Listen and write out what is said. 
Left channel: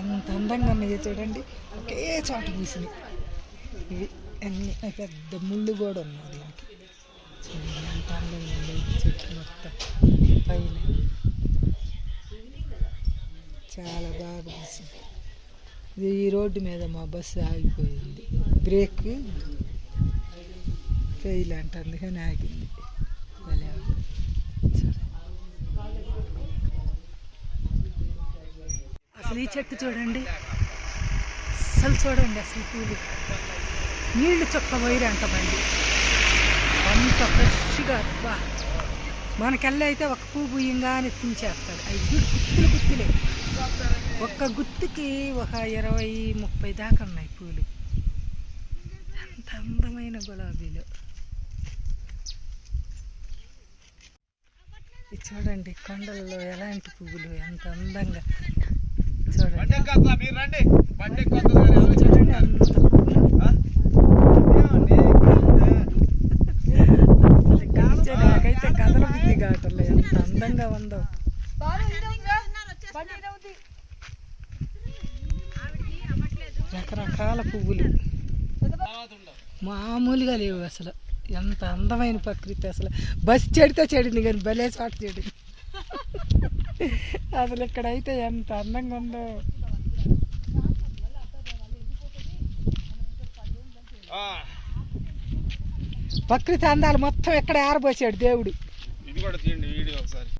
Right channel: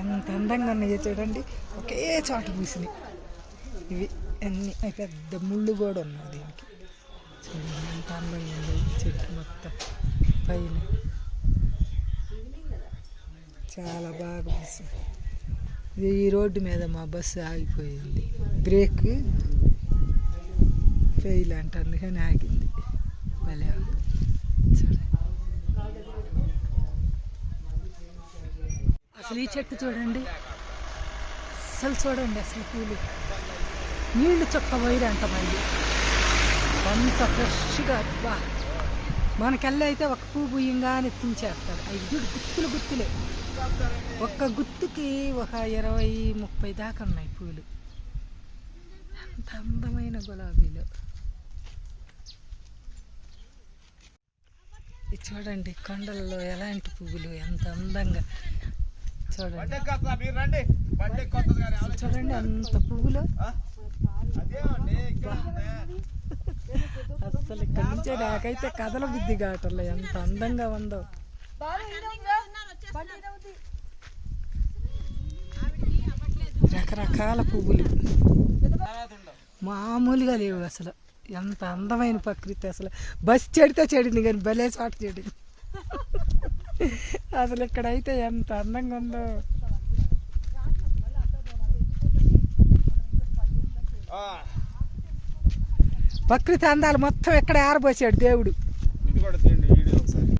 ఎంత అందంగా ఉన్నాయో చూడండి, ఒకే చోట పూసినాయి ఇవి అన్నీ. పెద్ద ముళ్ళు కూడా ఉన్నాయి దీనికి. ఎంత అందంగా ఉంది చెట్టు మొత్తం పైన, చాలా బాగా పూసింది. ఇది ఈ రోడ్డు మీద మా బస్సు ఆగిపోయింది, బ్రేక్ ఫెయిల్ అంట, అందుకని ఆగింది. భలే చూడండి, అసలు ఈ చెట్టు చూడండి, అసలు చూడండి, అసలు పూలు నీళ్లు చొక్క పోయిరంట మళ్ళీ, అంత ఫ్రెష్గా. బా మనకెళ్ళి అయితే ఒక పువ్వు బుయ్యంగానే ఎత్తించేస్తాడు. అవి గుత్తులు గుత్తులే, ఒక్క గుత్తుకి ఒక 20-30 దాకా ఉన్నాయి పూలు. ఎంత అందమైన గులాబీలు. ఇది చూడండి, కొండలలో ఎలాంటి పువ్వులు ఎంత అందంగా. చూడండి చూడండి అంత పువ్వులు. అసలు ఇక్కడ నుంచే నాకైతే కథల బుద్ధి కావట్లే, ఎంత అందంగా ఉందో. రకరకాల పువ్వులు మామూలుగా లేవు అసలు. ఎంత అందమైన ప్రకృతి. అసలు బస్సు చెడితే చెడింది కానీ భలే చోట చెడింది. అసలు ఇక్కడైతే ఎంత అందంగా ఉందో. ప్రకృతి అందాలు మొత్తం ఎక్కడ ఆరబోసాడు దేవుడు.